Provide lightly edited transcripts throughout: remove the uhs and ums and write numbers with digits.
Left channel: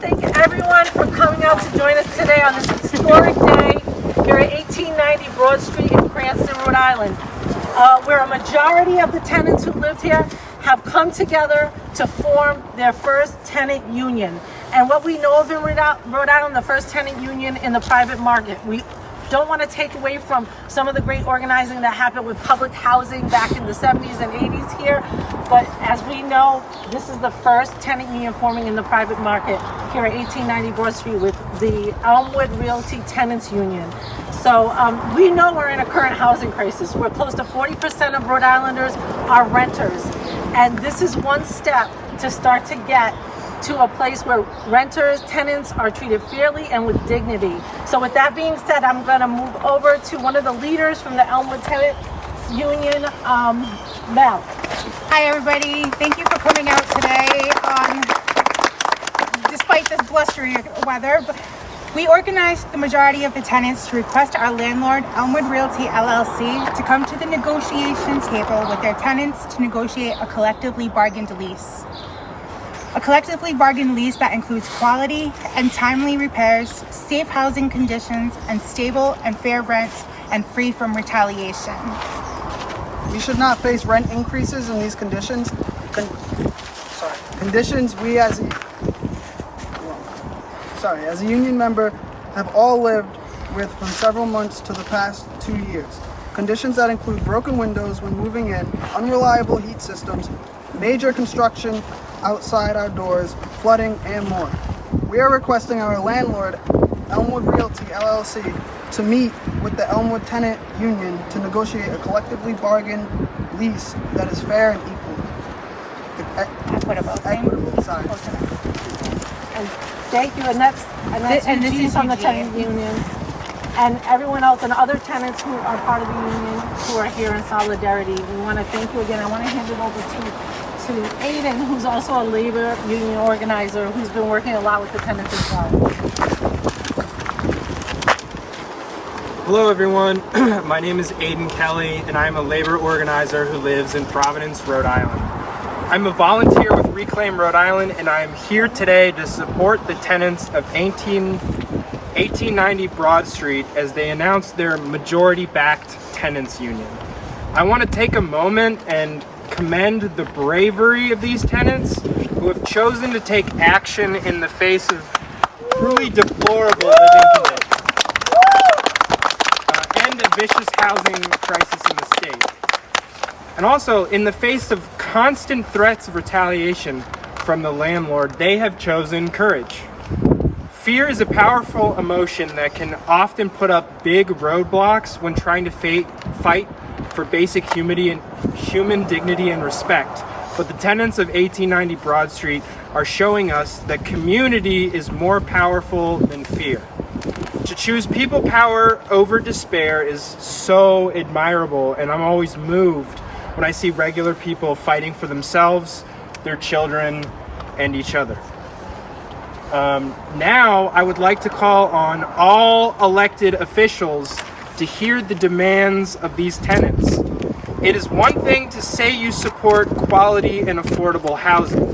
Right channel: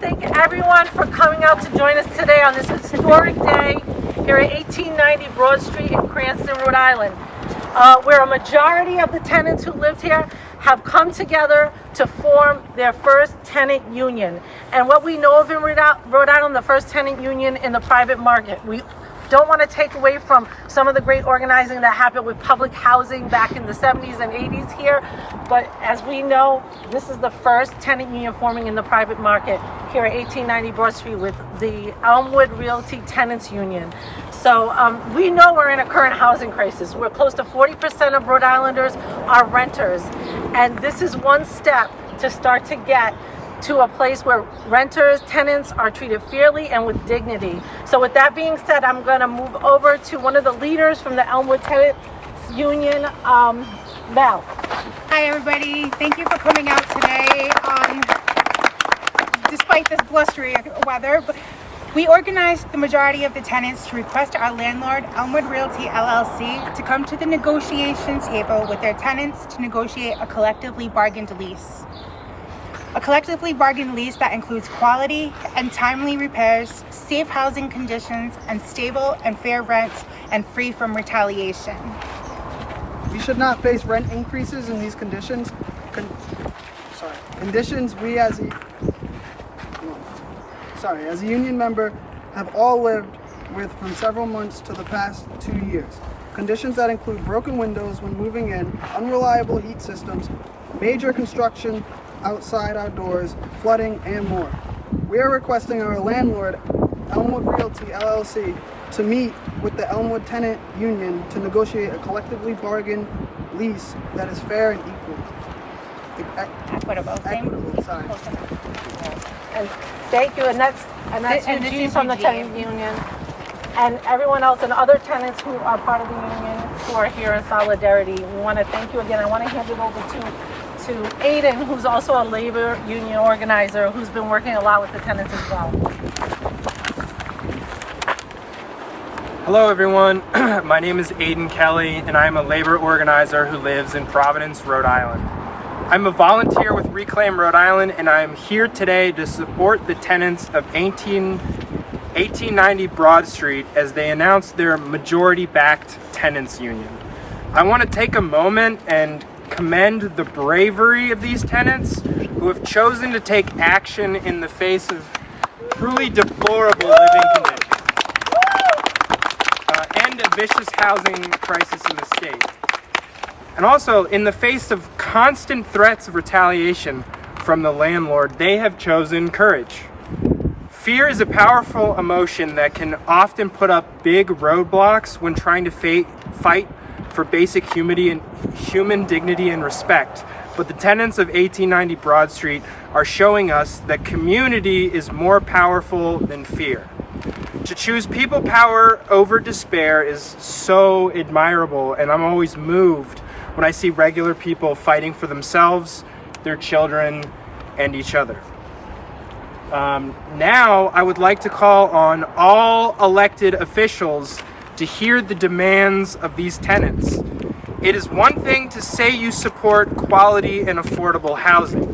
thank everyone for coming out to join us today on this historic day here at 1890 Broad Street in Cranston, Rhode Island, where a majority of the tenants who lived here have come together to form their first tenant union. And what we know of in Rhode Island, the first tenant union in the private market. We don't want to take away from some of the great organizing that happened with public housing back in the 70s and 80s here, but as we know, this is the first tenant union forming in the private market here at 1890 Broad Street with the Elmwood Realty Tenants Union. So we know we're in a current housing crisis. We're close to 40% of Rhode Islanders are renters, and this is one step to start to get to a place where renters, tenants are treated fairly and with dignity. So with that being said, I'm going to move over to one of the leaders from the Elmwood Tenants Union, Mel. Hi everybody, thank you for coming out today despite this blustery weather. We organized the majority of the tenants to request our landlord, Elmwood Realty LLC, to come to the negotiation table with their tenants to negotiate a collectively bargained lease. A collectively bargained lease that includes quality and timely repairs, safe housing conditions, and stable and fair rents, and free from retaliation. We should not face rent increases in these conditions. Conditions we as a union member have all lived with from several months to the past 2 years. Conditions that include broken windows when moving in, unreliable heat systems, major construction outside our doors, flooding, and more. We are requesting our landlord, Elmwood Realty LLC, to meet with the Elmwood Tenant Union to negotiate a collectively bargained lease that is fair and equal. Equitable. Sorry. And thank you, and that's Eugene from the tenant union, and everyone else and other tenants who are part of the union who are here in solidarity. We want to thank you again. I want to hand it over to Aiden, who's also a labor union organizer who's been working a lot with the tenants as well. Hello everyone, my name is Aiden Kelly and I'm a labor organizer who lives in Providence, Rhode Island. I'm a volunteer with Reclaim Rhode Island and I'm here today to support the tenants of 1890 Broad Street as they announce their majority-backed tenants union. I want to take a moment and commend the bravery of these tenants who have chosen to take action in the face of truly deplorable living conditions and a vicious housing crisis in the state. And also, in the face of constant threats of retaliation from the landlord, they have chosen courage. Fear is a powerful emotion that can often put up big roadblocks when trying to fight for basic human dignity and respect. But the tenants of 1890 Broad Street are showing us that community is more powerful than fear. To choose people power over despair is so admirable, and I'm always moved when I see regular people fighting for themselves, their children, and each other. Now, I would like to call on all elected officials to hear the demands of these tenants. It is one thing to say you support quality and affordable housing.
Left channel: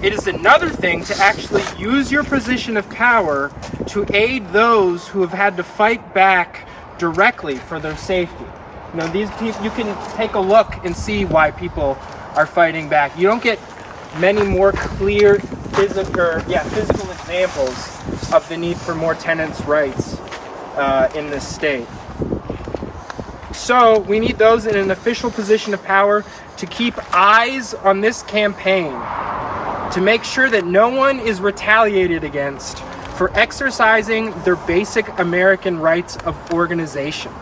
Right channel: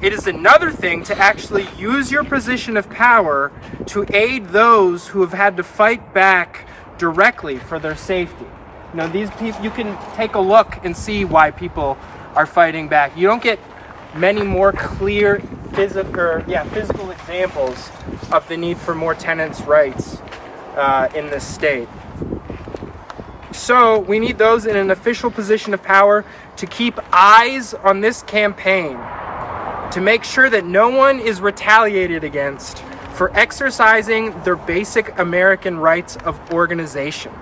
It is another thing to actually use your position of power to aid those who have had to fight back directly for their safety. You know, these people, you can take a look and see why people are fighting back. You don't get many more clear physical examples of the need for more tenants' rights in this state. So we need those in an official position of power to keep eyes on this campaign, to make sure that no one is retaliated against for exercising their basic American rights of organization.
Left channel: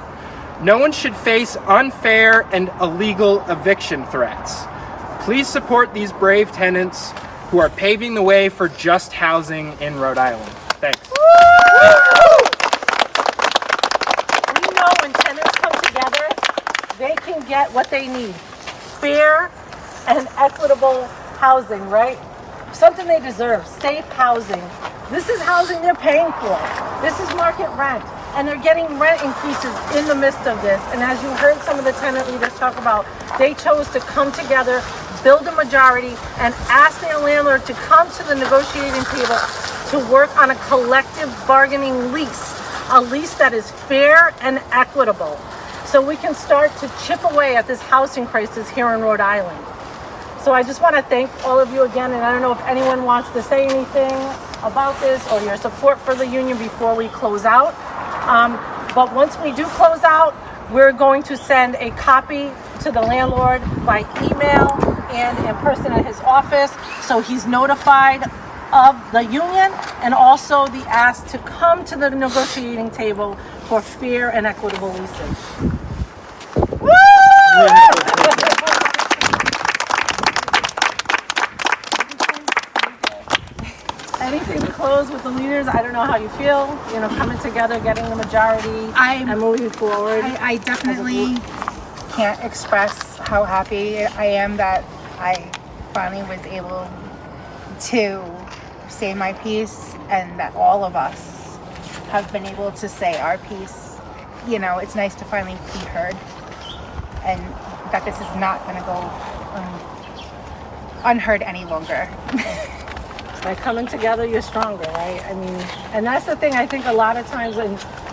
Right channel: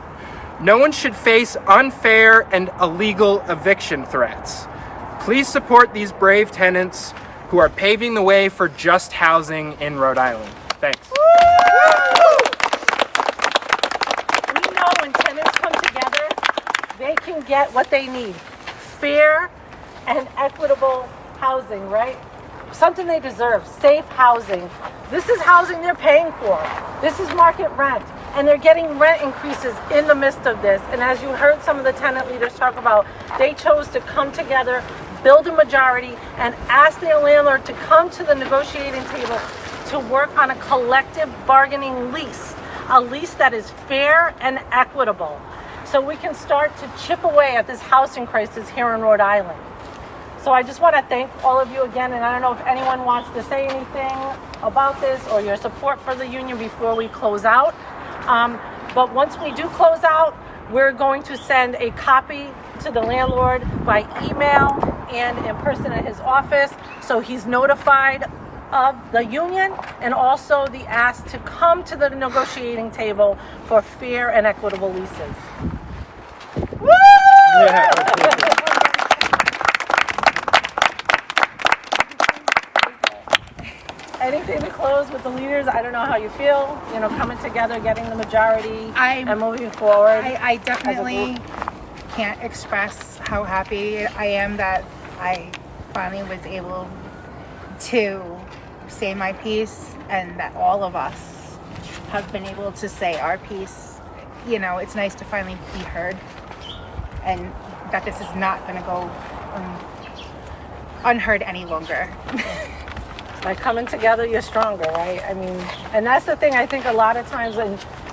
No one should face unfair and illegal eviction threats. Please support these brave tenants who are paving the way for just housing in Rhode Island. Thanks. We know when tenants come together, they can get what they need. Fair and equitable housing, right? Something they deserve, safe housing. This is housing they're paying for. This is market rent. And they're getting rent increases in the midst of this. And as you heard some of the tenant leaders talk about, they chose to come together, build a majority, and ask their landlord to come to the negotiating table to work on a collective bargaining lease, a lease that is fair and equitable, so we can start to chip away at this housing crisis here in Rhode Island. So I just want to thank all of you again, and I don't know if anyone wants to say anything about this or your support for the union before we close out. But once we do close out, we're going to send a copy to the landlord by email and in person at his office, so he's notified of the union and also the ask to come to the negotiating table for fair and equitable leases. Woo! Anything to close with the leaders? I don't know how you feel, coming together, getting the majority and moving forward. I definitely can't express how happy I am that I finally was able to say my piece, and that all of us have been able to say our piece. It's nice to finally be heard, and that this is not going to go unheard any longer. By coming together, you're stronger, right? I mean, and that's the thing I think a lot of times,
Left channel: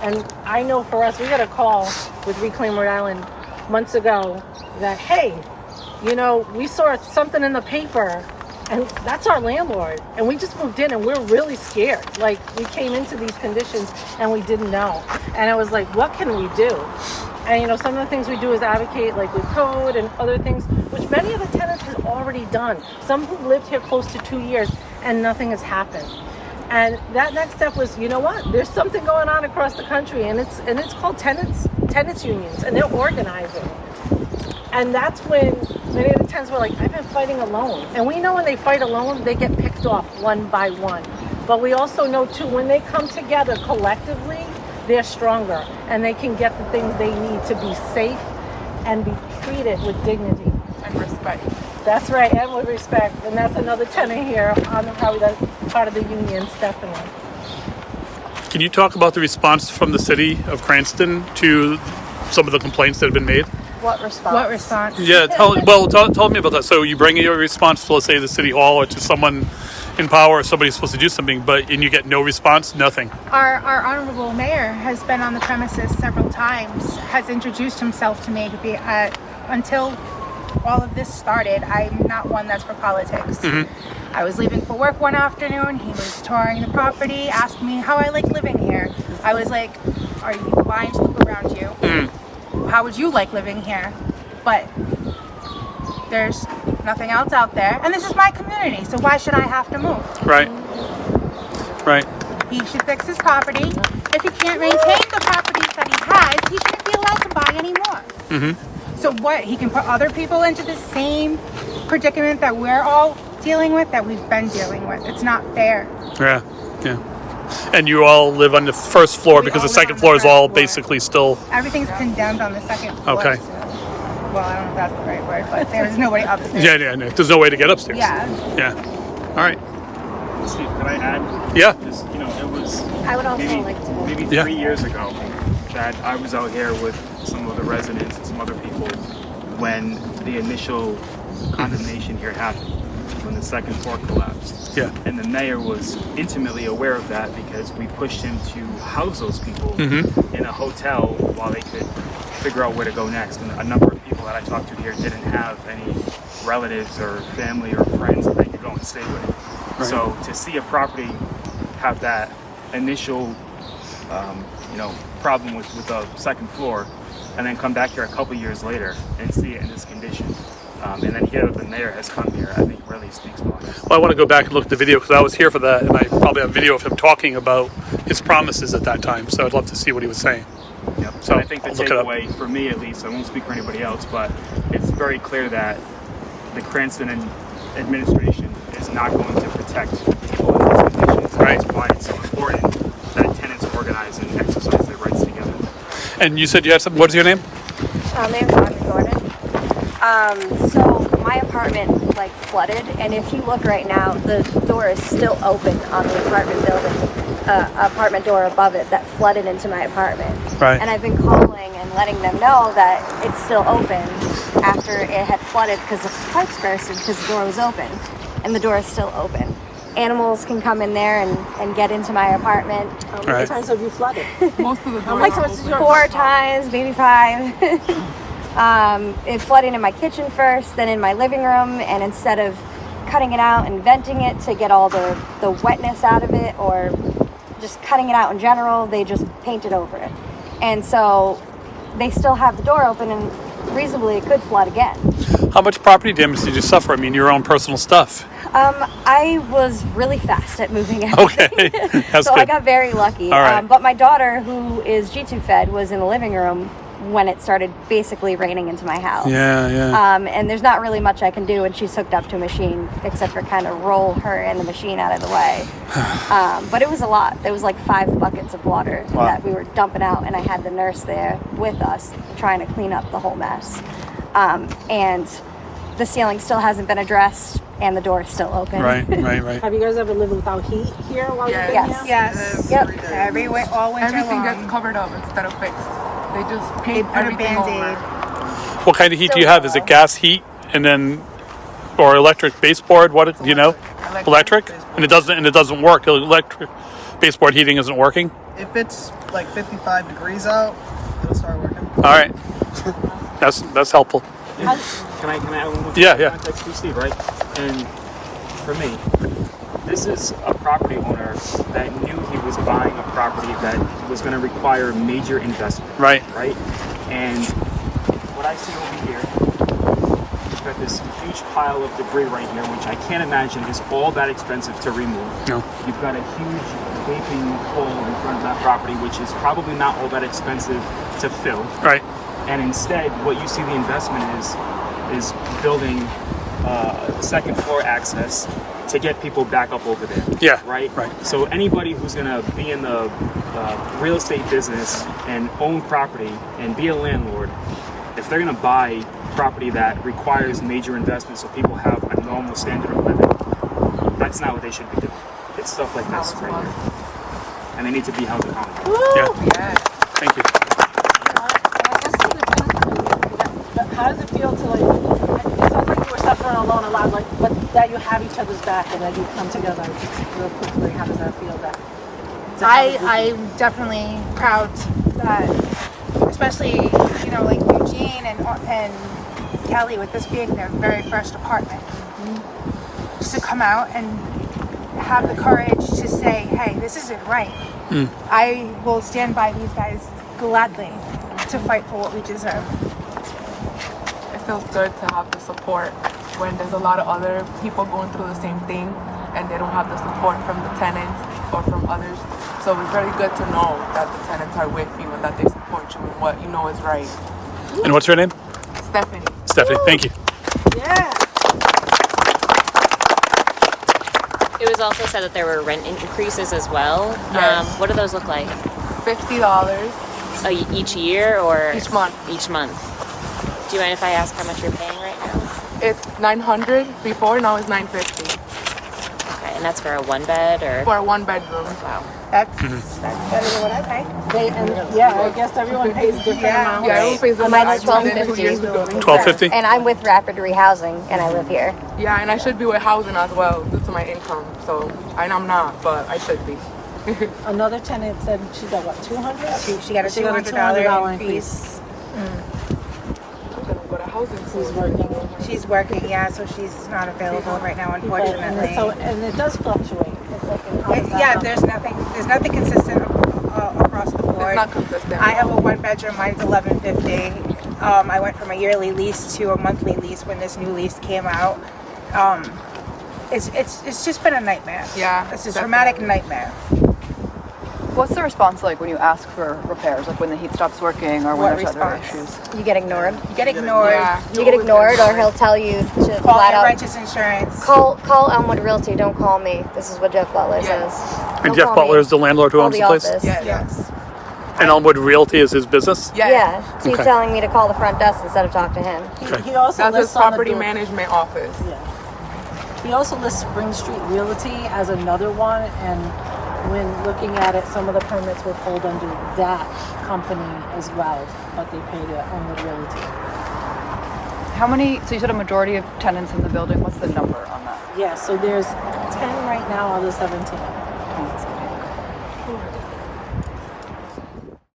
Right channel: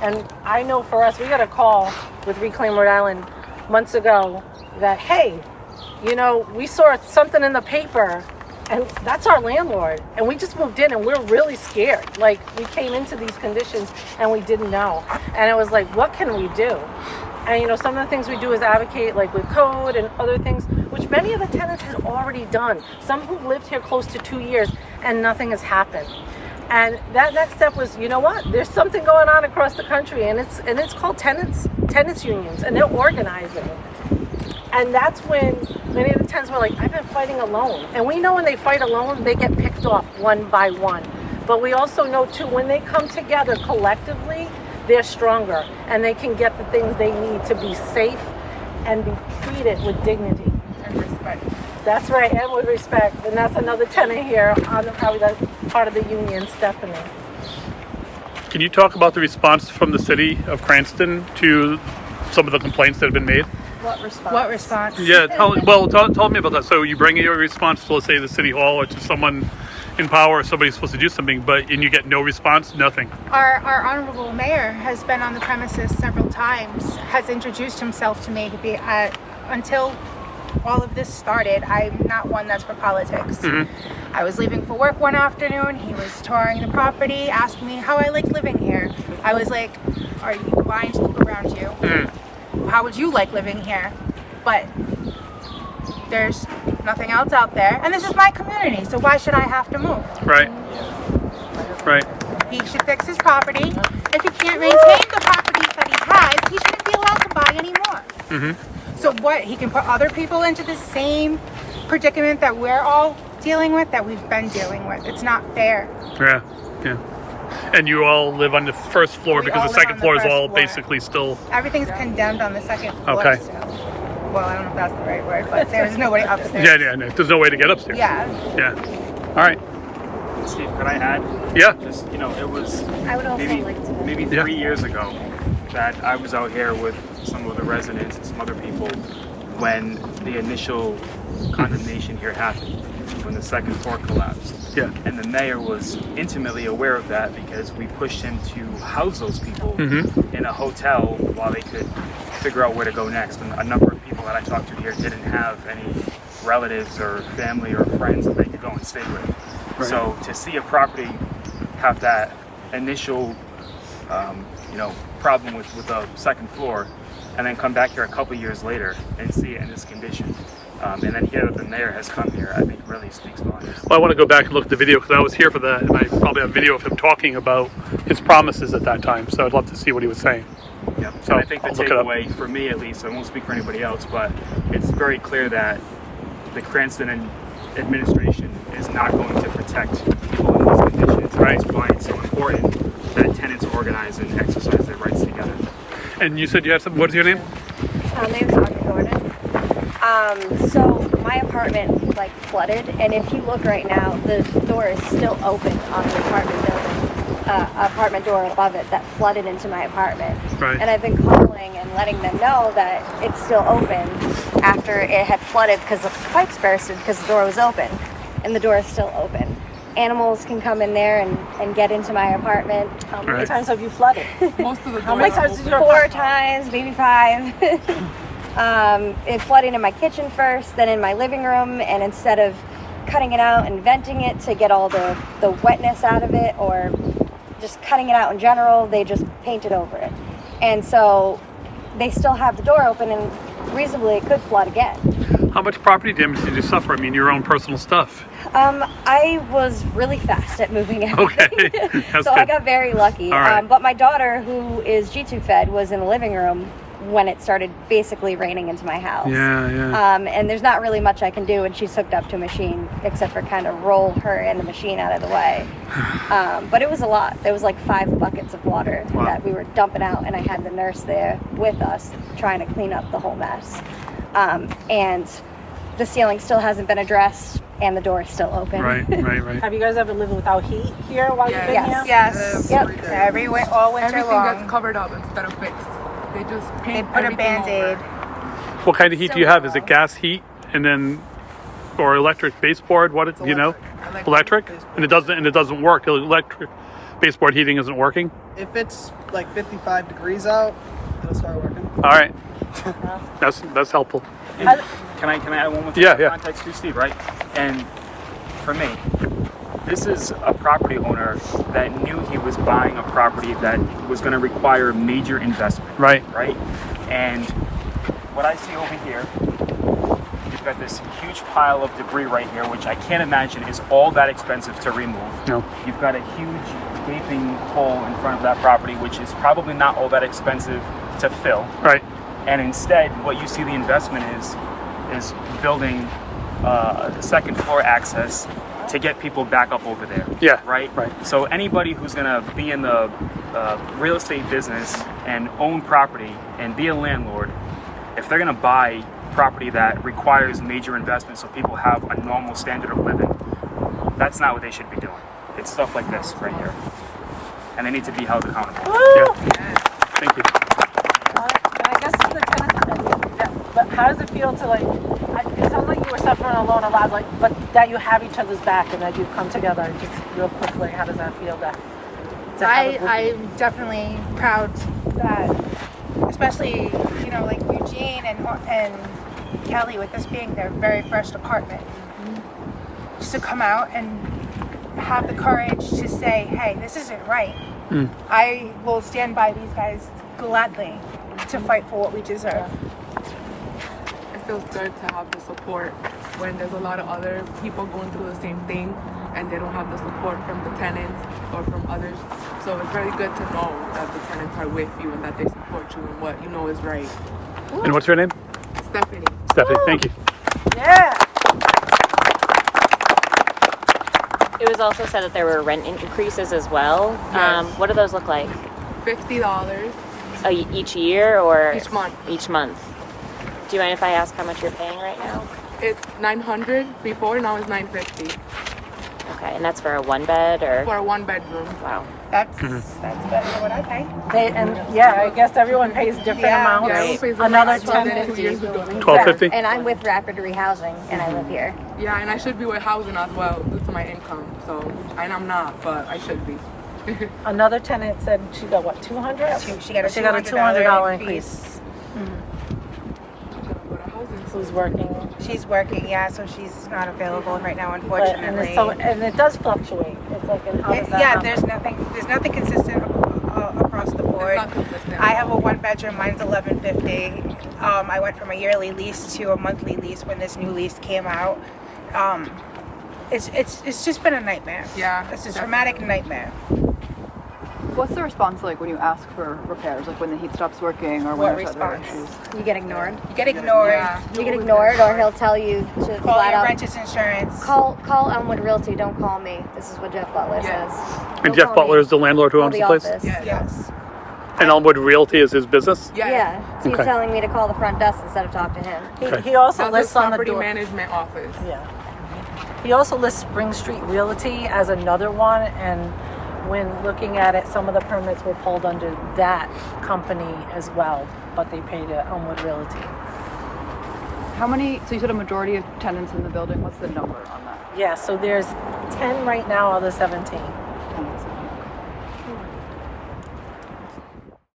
and I know for us, we got a call with Reclaim Rhode Island months ago that, hey, we saw something in the paper, and that's our landlord, and we just moved in and we're really scared. Like, we came into these conditions and we didn't know. And it was like, what can we do? And some of the things we do is advocate, like with code and other things, which many of the tenants had already done. Some who lived here close to 2 years and nothing has happened. And that next step was, there's something going on across the country, and it's called tenants unions, and they're organizing. And that's when many of the tenants were like, I've been fighting alone. And we know when they fight alone, they get picked off one by one. But we also know too, when they come together collectively, they're stronger and they can get the things they need to be safe and be treated with dignity and respect. That's right, and with respect. And that's another tenant here on the part of the union, Stephanie. Can you talk about the response from the city of Cranston to some of the complaints that have been made? What response? What response? Yeah, tell me about that. So you bring your response to, let's say, the city hall or to someone in power, or somebody's supposed to do something, and you get no response, nothing. Our honorable mayor has been on the premises several times, has introduced himself to me until all of this started. I'm not one that's for politics. Mm-hmm. I was leaving for work one afternoon. He was touring the property, asked me how I like living here. I was like, are you blind? Look around you. Mm-hmm. How would you like living here? But there's nothing else out there, and this is my community, so why should I have to move? Right. He should fix his property. If he can't maintain the properties that he has, he shouldn't be allowed to buy anymore. Mm-hmm. So what? He can put other people into the same predicament that we're all dealing with, that we've been dealing with. It's not fair. Yeah. And you all live on the first floor because the second floor is all basically still... Everything's condemned on the second floor. Okay. Still. Well, I don't know if that's the right word, but there's nobody upstairs. Yeah. There's no way to get upstairs. Yeah. All right. Steve, could I add? Yeah. Just, it was maybe 3 years ago that I was out here with some of the residents and some other people when the initial condemnation here happened, when the second floor collapsed. Yeah. And the mayor was intimately aware of that because we pushed him to house those people in a hotel while they could figure out where to go next. And a number of people that I talked to here didn't have any relatives or family or friends that they could go and stay with. Right. So to see a property have that initial, problem with the second floor, and then come back here a couple years later and see it in this condition, and then hear that the mayor has come here, I think really speaks volumes. Well, I want to go back and look at the video because I was here for that, and I probably have video of him talking about his promises at that time. So I'd love to see what he was saying. Yep. So and I think the I'll look it up. takeaway for me, at least, I won't speak for anybody else, but it's very clear that the Cranston administration is not going to protect people in these conditions. Right. That's why it's so important that tenants organize and exercise their rights together. And you said you had something. What is your name? My name's Audrey Gordon. So my apartment flooded, and if you look right now, the door is still open on the apartment building, apartment door above it that flooded into my apartment. Right. And I've been calling and letting them know that it's still open after it had flooded because the pipes bursted because the door was open, and the door is still open. animals can come in there and get into my apartment. How many times have you flooded? Most of the doors Like are times open. you- 4 times, maybe 5. It flooded in my kitchen first, then in my living room, and instead of cutting it out and venting it to get all the wetness out of it, or just cutting it out in general, they just painted over it. And so they still have the door open, and reasonably it could flood again. How much property damage did you suffer? I mean, your own personal stuff. I was really fast at moving everything. Okay, that's so I good. got very lucky. All right. But my daughter, who is G2 fed, was in the living room when it started basically raining into my house. Yeah. And there's not really much I can do when she's hooked up to a machine, except for kind of roll her and the machine out of the way. But it was a lot. There was like 5 buckets of water that we were dumping out, and I had the nurse there with us trying to clean up the whole mess. And the ceiling still hasn't been addressed, and the door is still open. Right. Have you guys ever lived without heat here while you've been Yes. here? Yes. Yep. All winter Everything long. gets covered up instead of fixed. They just They paint put a everything Band-Aid. over. What kind of heat do you have? Is it gas heat and then, or electric baseboard? What do you know? Electric, and it doesn't work. The electric baseboard heating isn't working. If it's like 55 degrees out, it'll start working. All right, that's helpful. Can I add one more Yeah. context to Steve, right? And for me, this is a property owner that knew he was buying a property that was going to require major investment. Right. And what I see over here, you've got this huge pile of debris right here, which I can't imagine is all that expensive to remove. No. You've got a huge gaping hole in front of that property, which is probably not all that expensive to fill. Right. And instead, what you see the investment is building second floor access to get people back up over there. Yeah, Right? right. So anybody who's gonna be in the real estate business and own property and be a landlord, if they're gonna buy property that requires major investment so people have a normal standard of living, that's not what they should be doing. It's stuff like this right here. And they need to be held accountable. Yeah. Thank you. And I guess to the tenants, but how does it feel to like? It sounds like you were suffering alone a lot, but that you have each other's back and that you come together. Just real quickly, how does that feel? I'm definitely proud that, especially like Eugene and Kelly, with this being their very first apartment, just to come out and have the courage to say, "Hey, this isn't right." I will stand by these guys gladly to fight for what we deserve. It feels good to have the support when there's a lot of other people going through the same thing and they don't have the support from the tenants or from others. So it's very good to know that the tenants are with you and that they support you in what you know is right. And what's your name? Stephanie. Stephanie. Thank you. Yeah. It was also said that there were rent increases as well. Yes. What do those look like? $50 Each year or each month. Each month. Do you mind if I ask how much you're paying right now? It's $900 before, now it's $950 Okay, and that's for a 1-bed or? for a 1-bedroom. That's better than what I pay. I guess everyone pays different amounts. Yeah, everyone pays Another about $12.50. $12.50. And I'm with Rapid Rehousing, and I live here. Yeah, and I should be with housing as well due to my income. So, and I'm not, but I should be. Another tenant said she got what, 200? She got a $200 increase. I'm gonna go to housing Who's soon. working? She's working, so she's not available right now, unfortunately. And it does fluctuate. It's like how does that happen? There's nothing consistent across the board. It's not consistent. I have a 1-bedroom, mine's $11.50. I went from a yearly lease to a monthly lease when this new lease came out. It's just been a nightmare. Yeah, It's a definitely. dramatic nightmare. What's the response like when you ask for repairs, like when the heat stops working or What when there's other response? issues? You get ignored. You get ignored. Yeah. You get ignored, or he'll tell you to Call flat your out renters insurance. call Elmwood Realty. Don't call me. This is what Jeff Butler says. And Don't Jeff call Butler me. is the landlord who Call owns the place. office. Yes. And Elmwood Realty is his business. Yeah, he's Okay. telling me to call the front desk instead of talk to him. Okay. He also That's his lists on the property door. management office. Yeah. He also lists Spring Street Realty as another one, and when looking at it, some of the permits were pulled under that company as well, but they paid Elmwood Realty. How many, so you said a majority of tenants in the building, what's the number on that? Yeah, so there's 10 right now on the 17th.